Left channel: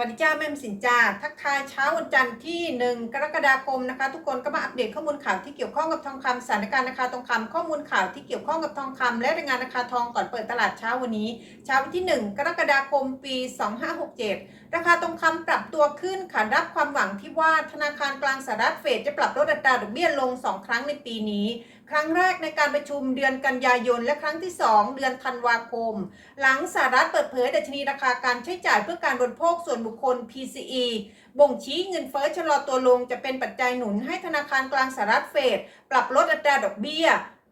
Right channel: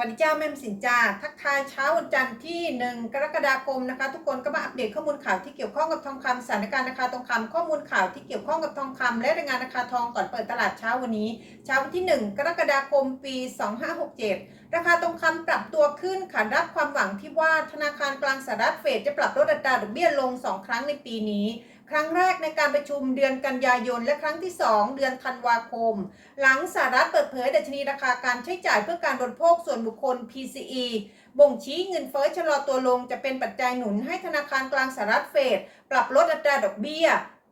วัสดีจ้าแม่มสินจ้าทักทายเช้าวันจันทร์ที่ 1 กรกฎาคมนะคะ ทุกคนก็มาอัปเดตข้อมูลข่าวที่เกี่ยวข้องกับทองคำสถานการณ์ราคาทองคำข้อมูลข่าวที่เกี่ยวข้องกับทองคำและรายงานราคาทองก่อนเปิดตลาดเช้าวันนี้ เช้าวันที่ 1 กรกฎาคมปี 2567 ราคาทองคำปรับตัวขึ้นขารับความหวังที่ว่าธนาคารกลางสหรัฐเฟดจะปรับลดอัตราดอกเบี้ยลง 2 ครั้งในปีนี้ ครั้งแรกในการประชุมเดือนกันยายน และครั้งที่ 2 เดือนธันวาคม หลังสหรัฐเปิดเผยดัชนีราคาการใช้จ่ายเพื่อการบริโภคส่วนบุคคล PCE บ่งชี้เงินเฟ้อชะลอตัวลงจะเป็นปัจจัยหนุนให้ธนาคารกลางสหรัฐเฟดปรับลดอัตราดอกเบี้ย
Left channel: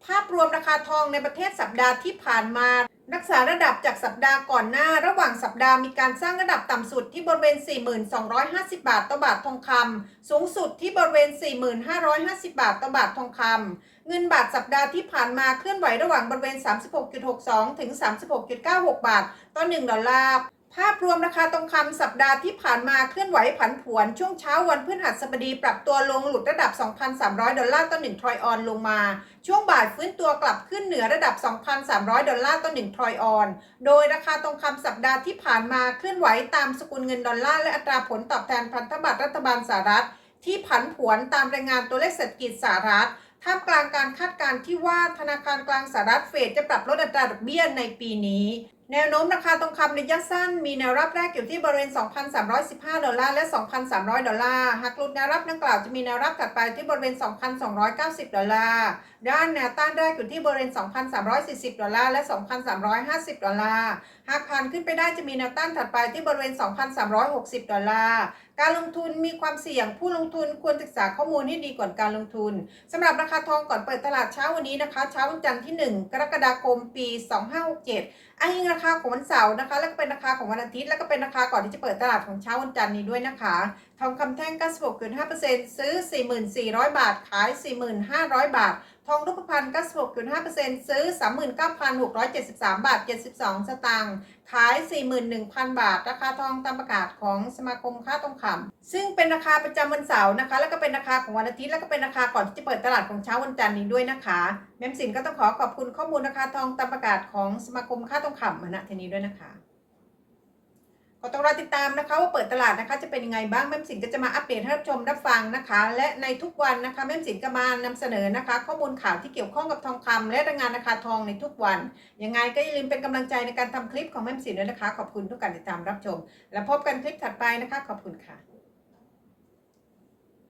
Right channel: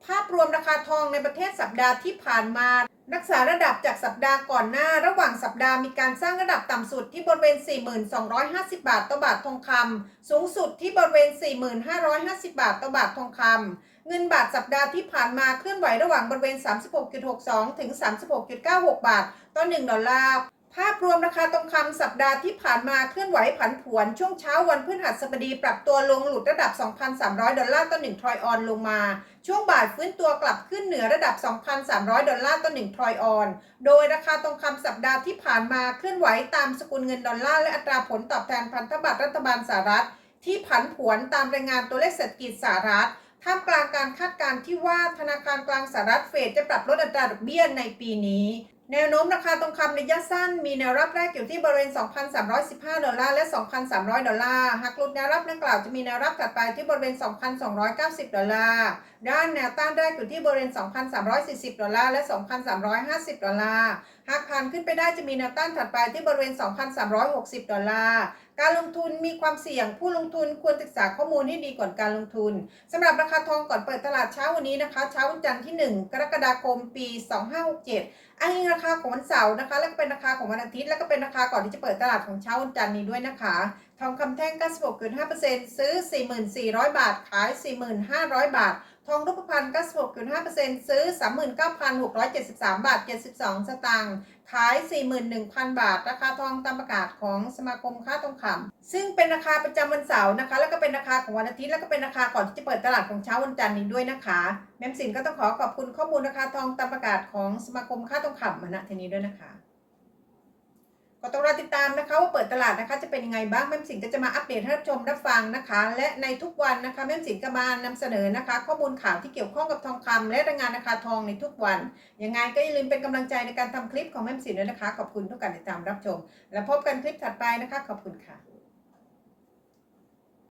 ภาพรวมราคาทองในประเทศสัปดาห์ที่ผ่านมา รักษาระดับจากสัปดาห์ก่อนหน้า ระหว่างสัปดาห์มีการสร้างระดับต่ำสุดที่บริเวณ 4,250 บาทต่อบาททองคำสูงสุดที่บริเวณ 4,550 บาทต่อบาททองคำ เงินบาทสัปดาห์ที่ผ่านมาเคลื่อนไหวระหว่างบริเวณ 36.62 ถึง 36.96 บาท ต่อ 1 ดอลลาร์ภาพรวมราคาทองคำสัปดาห์ที่ผ่านมาเคลื่อนไหวผันผวน ช่วงเช้าวันพฤหัสบดีปรับตัวลงหลุดระดับ 2,300 ดอลลาร์ต่อ 1 ทรอยออนลงมา ช่วงบ่ายฟื้นตัวกลับขึ้นเหนือระดับ 2,300 ดอลลาร์ต่อ 1 ทรอยออน โดยราคาทองคำสัปดาห์ที่ผ่านมาเคลื่อนไหวตามสกุลเงินดอลลาร์และอัตราผลตอบแทนพันธบัตรรัฐบาลสหรัฐ ที่ผันผวนตามรายงานตัวเลขเศรษฐกิจสหรัฐ ท่ามกลางการคาดการณ์ที่ว่าธนาคารกลางสหรัฐเฟดจะปรับลดอัตราดอกเบี้ยในปีนี้ แนวโน้มราคาทองคำระยะสั้น มีแนวรับแรกอยู่ที่บริเวณ 2,315 ดอลลาร์และ 2,300 ดอลลาร์ หากหลุดแนวรับดังกล่าวจะมีแนวรับถัดไปที่บริเวณ 2,290 ดอลลาร์ ด้านแนวต้านแรกอยู่ที่บริเวณ 2,340 ดอลลาร์และ 2,350 ดอลลาร์ หากผ่านขึ้นไปได้จะมีแนวต้านถัดไปที่บริเวณ 2,360 ดอลลาร์การลงทุนมีความเสี่ยงผู้ลงทุนควรศึกษาข้อมูลให้ดีก่อนการลงทุนสำหรับราคาทองก่อนเปิดตลาดเช้าวันนี้นะคะ เช้าวันจันทร์ที่ 1 กรกฎาคมปี 2567 อ้างอิงราคาของวันเสาร์นะคะ แล้วก็เป็นราคาของวันอาทิตย์ แล้วก็เป็นราคาก่อนที่จะเปิดตลาดของเช้าวันจันทร์นี้ด้วยนะคะ ทองคำแท่ง96.5%ซื้อ 4,400บาท ขาย 4,500 บาท ทองรูปพรรณ96.5%ซื้อ 39,673 บาท 72 สตางค์ขาย 41,000 บาท ราคาทองตามประกาศของสมาคมค้าทองคำซึ่งเป็นราคาประจำวันเสาร์นะคะ แล้วก็เป็นราคาของวันอาทิตย์ แล้วก็เป็นราคาก่อนที่จะเปิดตลาดของเช้าวันจันทร์นี้ด้วยนะคะ แม่มสินก็ต้องขอขอบคุณข้อมูลราคาทองตามประกาศของสมาคมค้าทองคำมาณทีนี้ด้วยนะคะ ก็ต้องรอติดตามนะคะว่าเปิดตลาดนะคะจะเป็นยังไงบ้างแม่สินก็จะมาอัปเดตให้รับชมรับฟังนะคะ และในทุกวันนะคะแม่สินก็มานำเสนอนะคะ ข้อมูลข่าวที่เกี่ยวข้องกับทองคำและรายงานราคาทองในทุกวันยังไงก็อย่าลืมเป็นกำลังใจในการทำคลิปของแม่สินด้วยนะคะ ขอบคุณทุกการติดตามรับชม แล้วพบกันคลิปถัดไปนะคะ ขอบคุณค่ะ